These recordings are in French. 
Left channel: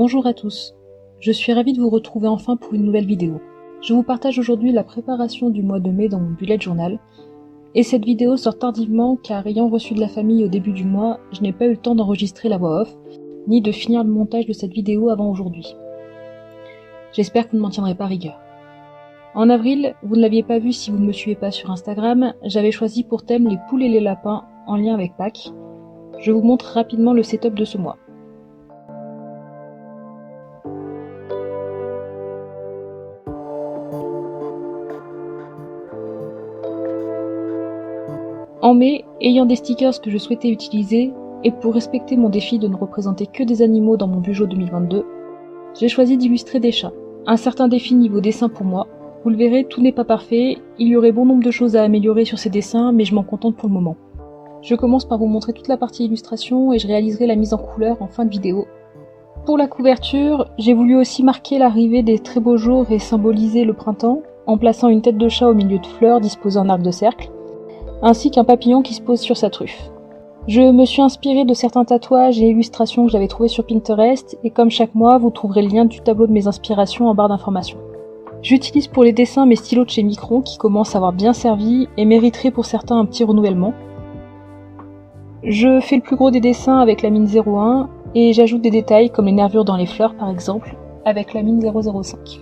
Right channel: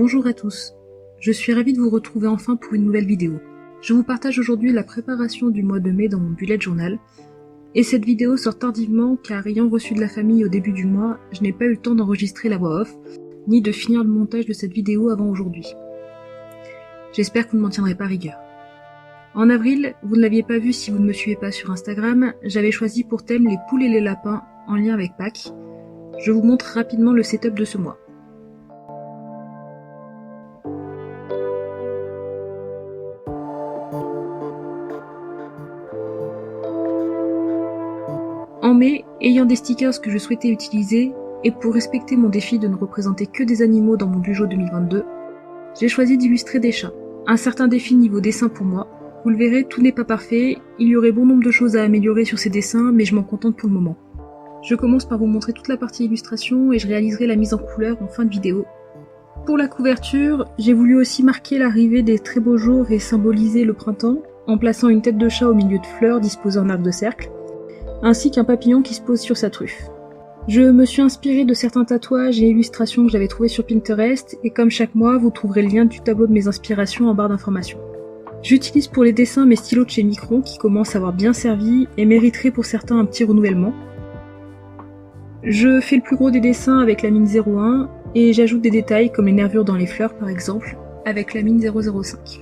Bonjour à tous, je suis ravie de vous retrouver enfin pour une nouvelle vidéo. Je vous partage aujourd'hui la préparation du mois de mai dans mon bullet journal, et cette vidéo sort tardivement car ayant reçu de la famille au début du mois, je n'ai pas eu le temps d'enregistrer la voix off, ni de finir le montage de cette vidéo avant aujourd'hui. J'espère que vous ne m'en tiendrez pas rigueur. En avril, vous ne l'aviez pas vu si vous ne me suivez pas sur Instagram, j'avais choisi pour thème les poules et les lapins en lien avec Pâques. Je vous montre rapidement le setup de ce mois. En mai, ayant des stickers que je souhaitais utiliser, et pour respecter mon défi de ne représenter que des animaux dans mon Bujo 2022, j'ai choisi d'illustrer des chats. Un certain défi niveau dessin pour moi. Vous le verrez, tout n'est pas parfait, il y aurait bon nombre de choses à améliorer sur ces dessins, mais je m'en contente pour le moment. Je commence par vous montrer toute la partie illustration et je réaliserai la mise en couleur en fin de vidéo. Pour la couverture, j'ai voulu aussi marquer l'arrivée des très beaux jours et symboliser le printemps, en plaçant une tête de chat au milieu de fleurs disposées en arc de cercle, ainsi qu'un papillon qui se pose sur sa truffe. Je me suis inspirée de certains tatouages et illustrations que j'avais trouvés sur Pinterest, et comme chaque mois, vous trouverez le lien du tableau de mes inspirations en barre d'informations. J'utilise pour les dessins mes stylos de chez Micron qui commencent à avoir bien servi et mériteraient pour certains un petit renouvellement. Je fais le plus gros des dessins avec la mine 01 et j'ajoute des détails comme les nervures dans les fleurs par exemple avec la mine 005.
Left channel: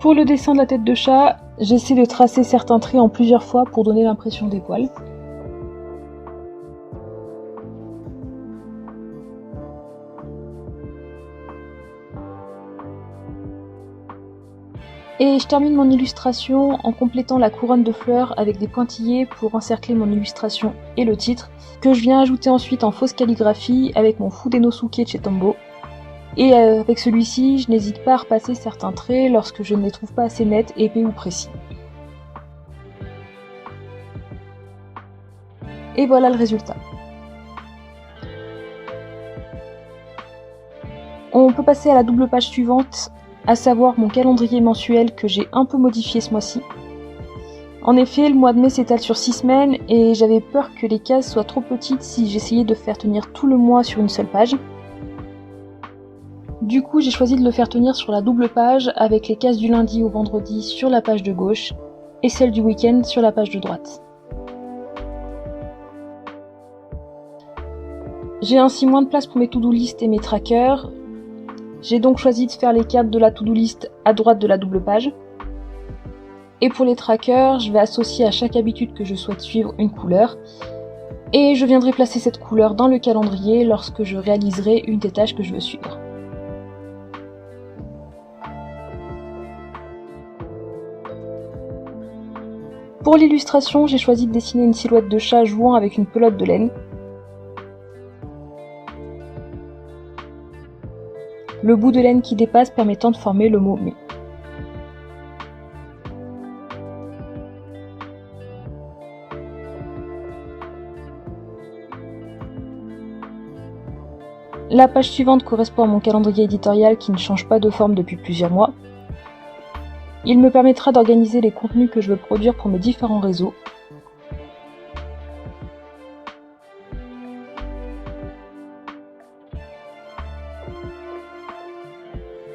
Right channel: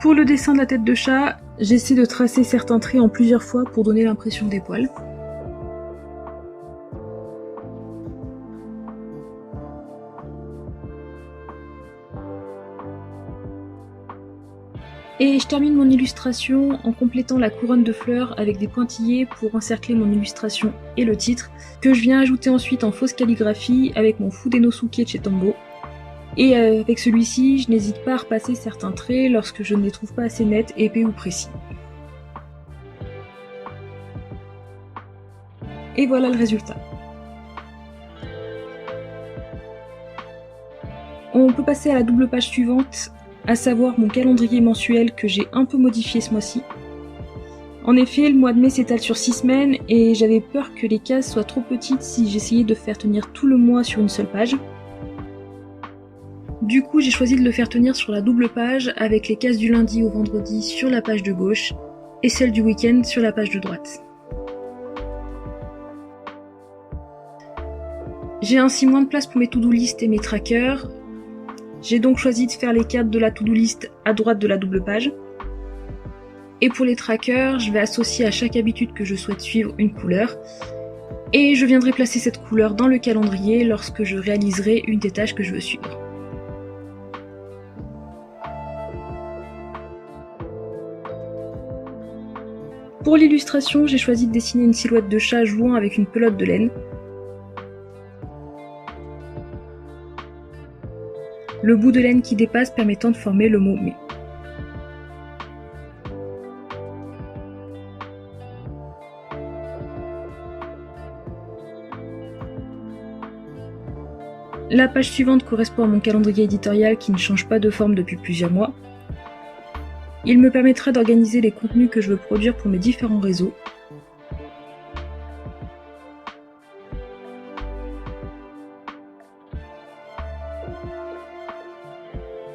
Pour le dessin de la tête de chat, j'essaie de tracer certains traits en plusieurs fois pour donner l'impression des poils. Et je termine mon illustration en complétant la couronne de fleurs avec des pointillés pour encercler mon illustration et le titre, que je viens ajouter ensuite en fausse calligraphie avec mon Fudenosuke de chez Tombow. Et avec celui-ci, je n'hésite pas à repasser certains traits lorsque je ne les trouve pas assez nets, épais ou précis. Et voilà le résultat. On peut passer à la double page suivante, à savoir mon calendrier mensuel que j'ai un peu modifié ce mois-ci. En effet, le mois de mai s'étale sur 6 semaines et j'avais peur que les cases soient trop petites si j'essayais de faire tenir tout le mois sur une seule page. Du coup, j'ai choisi de le faire tenir sur la double page avec les cases du lundi au vendredi sur la page de gauche et celles du week-end sur la page de droite. J'ai ainsi moins de place pour mes to-do list et mes trackers. J'ai donc choisi de faire les cartes de la to-do list à droite de la double page. Et pour les trackers, je vais associer à chaque habitude que je souhaite suivre une couleur. Et je viendrai placer cette couleur dans le calendrier lorsque je réaliserai une des tâches que je veux suivre. Pour l'illustration, j'ai choisi de dessiner une silhouette de chat jouant avec une pelote de laine. Le bout de laine qui dépasse permettant de former le mot « mai ». La page suivante correspond à mon calendrier éditorial qui ne change pas de forme depuis plusieurs mois. Il me permettra d'organiser les contenus que je veux produire pour mes différents réseaux.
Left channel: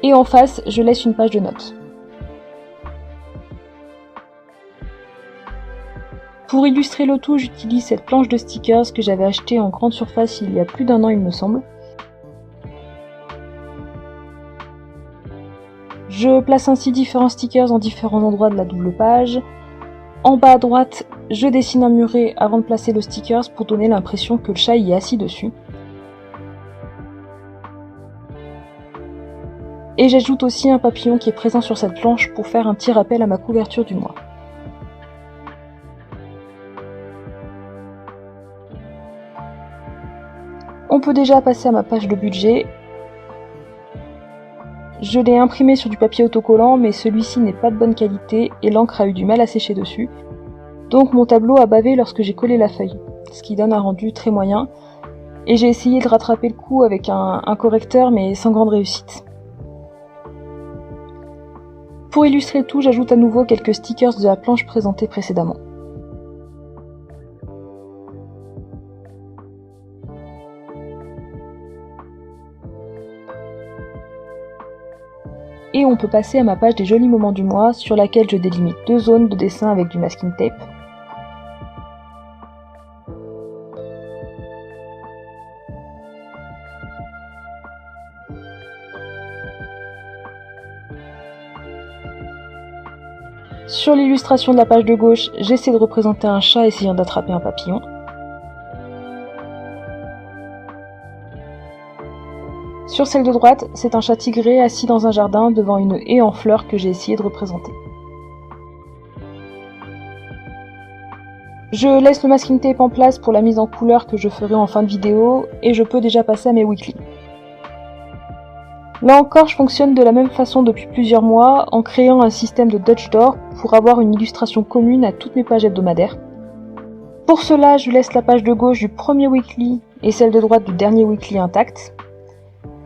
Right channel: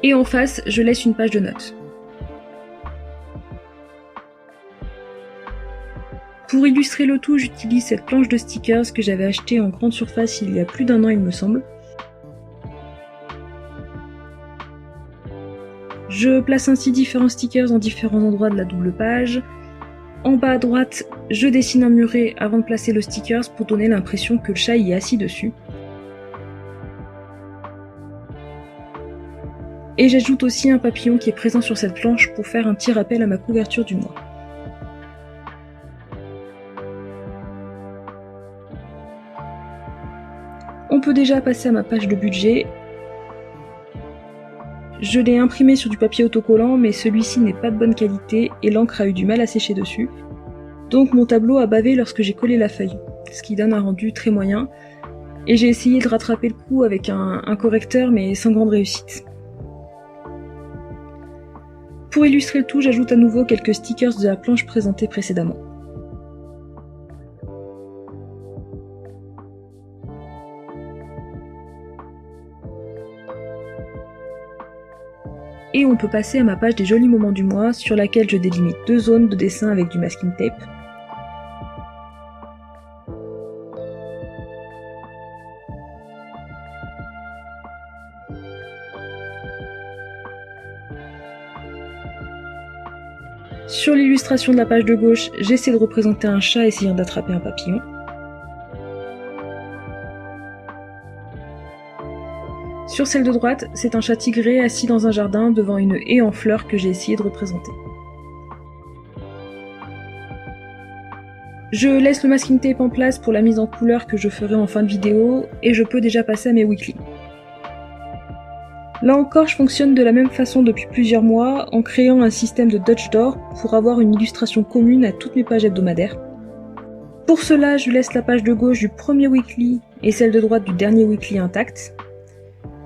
Et en face, je laisse une page de notes. Pour illustrer le tout, j'utilise cette planche de stickers que j'avais achetée en grande surface il y a plus d'1 an il me semble. Je place ainsi différents stickers en différents endroits de la double page. En bas à droite, je dessine un muret avant de placer le stickers pour donner l'impression que le chat y est assis dessus. Et j'ajoute aussi un papillon qui est présent sur cette planche pour faire un petit rappel à ma couverture du mois. On peut déjà passer à ma page de budget. Je l'ai imprimé sur du papier autocollant, mais celui-ci n'est pas de bonne qualité et l'encre a eu du mal à sécher dessus. Donc mon tableau a bavé lorsque j'ai collé la feuille, ce qui donne un rendu très moyen. Et j'ai essayé de rattraper le coup avec un correcteur, mais sans grande réussite. Pour illustrer le tout, j'ajoute à nouveau quelques stickers de la planche présentée précédemment. Et on peut passer à ma page des jolis moments du mois sur laquelle je délimite 2 zones de dessin avec du masking tape. Sur l'illustration de la page de gauche, j'essaie de représenter un chat essayant d'attraper un papillon. Sur celle de droite, c'est un chat tigré assis dans un jardin devant une haie en fleurs que j'ai essayé de représenter. Je laisse le masking tape en place pour la mise en couleur que je ferai en fin de vidéo et je peux déjà passer à mes weekly. Là encore, je fonctionne de la même façon depuis plusieurs mois en créant un système de Dutch Door pour avoir une illustration commune à toutes mes pages hebdomadaires. Pour cela, je laisse la page de gauche du premier weekly et celle de droite du dernier weekly intactes.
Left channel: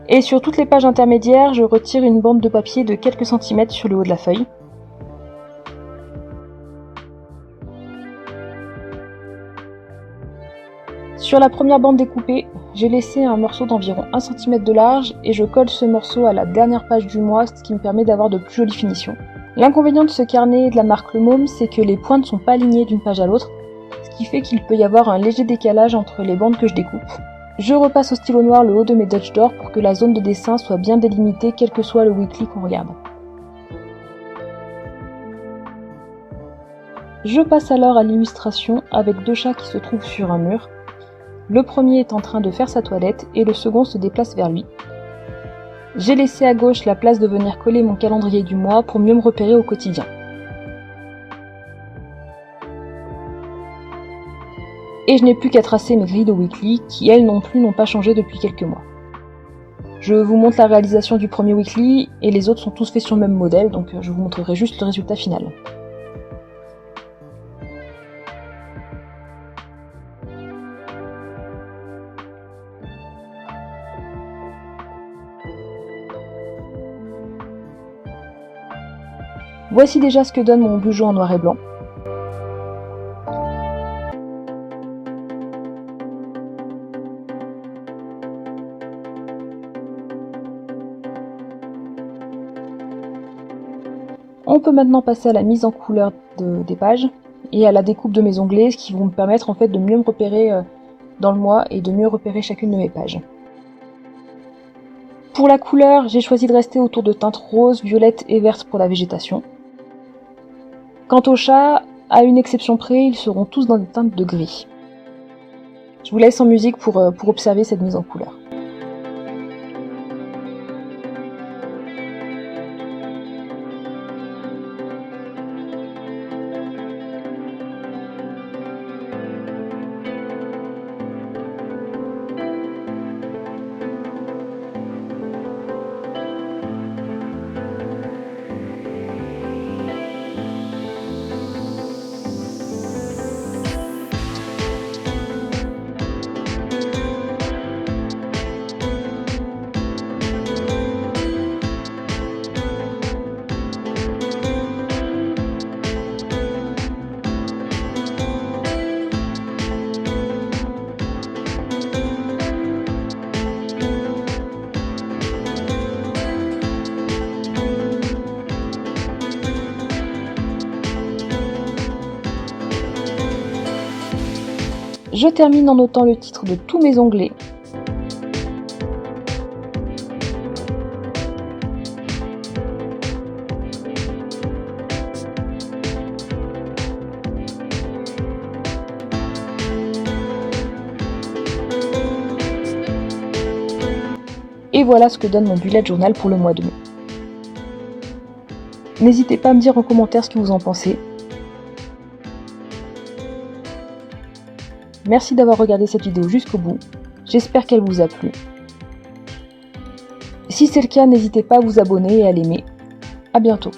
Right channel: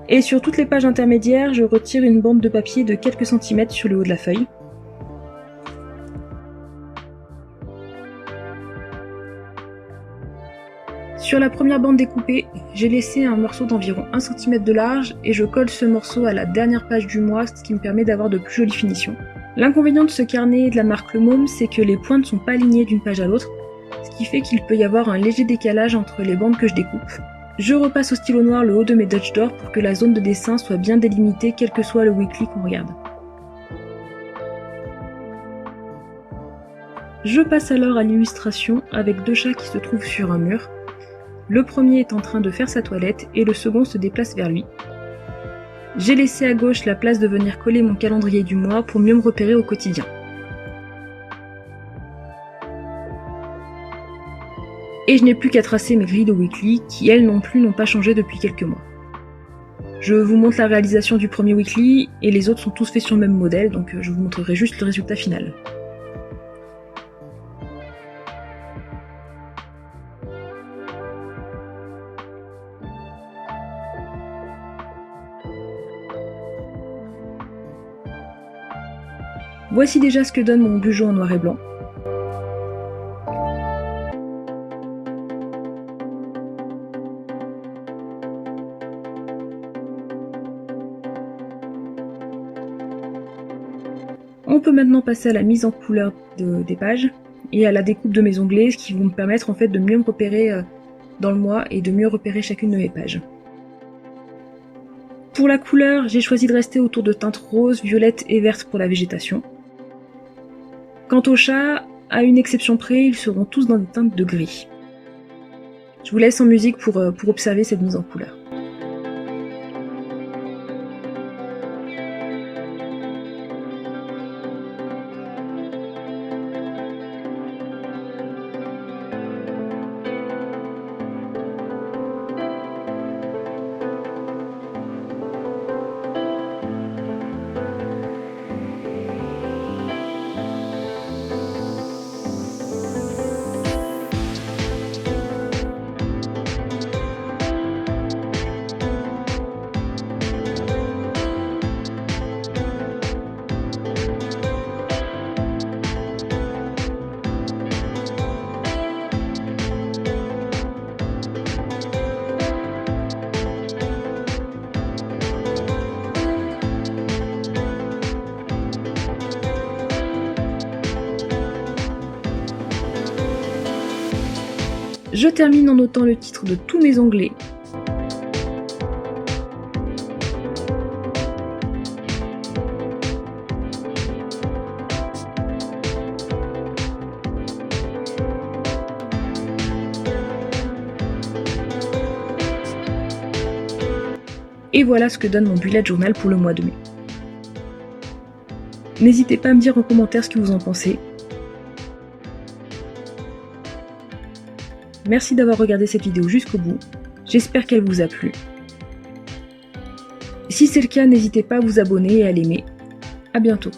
Et sur toutes les pages intermédiaires, je retire une bande de papier de quelques centimètres sur le haut de la feuille. Sur la première bande découpée, j'ai laissé un morceau d'environ 1 cm de large et je colle ce morceau à la dernière page du mois, ce qui me permet d'avoir de plus jolies finitions. L'inconvénient de ce carnet de la marque Le Môme, c'est que les points ne sont pas alignés d'une page à l'autre, ce qui fait qu'il peut y avoir un léger décalage entre les bandes que je découpe. Je repasse au stylo noir le haut de mes Dutch Door pour que la zone de dessin soit bien délimitée quel que soit le weekly qu'on regarde. Je passe alors à l'illustration avec 2 chats qui se trouvent sur un mur. Le premier est en train de faire sa toilette et le second se déplace vers lui. J'ai laissé à gauche la place de venir coller mon calendrier du mois pour mieux me repérer au quotidien. Et je n'ai plus qu'à tracer mes grilles de weekly qui elles non plus n'ont pas changé depuis quelques mois. Je vous montre la réalisation du premier weekly et les autres sont tous faits sur le même modèle, donc je vous montrerai juste le résultat final. Voici déjà ce que donne mon bugeot en noir et blanc. On peut maintenant passer à la mise en couleur des pages et à la découpe de mes onglets, ce qui vont me permettre en fait de mieux me repérer dans le mois et de mieux repérer chacune de mes pages. Pour la couleur, j'ai choisi de rester autour de teintes roses, violettes et vertes pour la végétation. Quant aux chats, à une exception près, ils seront tous dans des teintes de gris. Je vous laisse en musique pour observer cette mise en couleur. Je termine en notant le titre de tous mes onglets. Et voilà ce que donne mon bullet journal pour le mois de mai. N'hésitez pas à me dire en commentaire ce que vous en pensez. Merci d'avoir regardé cette vidéo jusqu'au bout, j'espère qu'elle vous a plu. Si c'est le cas, n'hésitez pas à vous abonner et à l'aimer. À bientôt.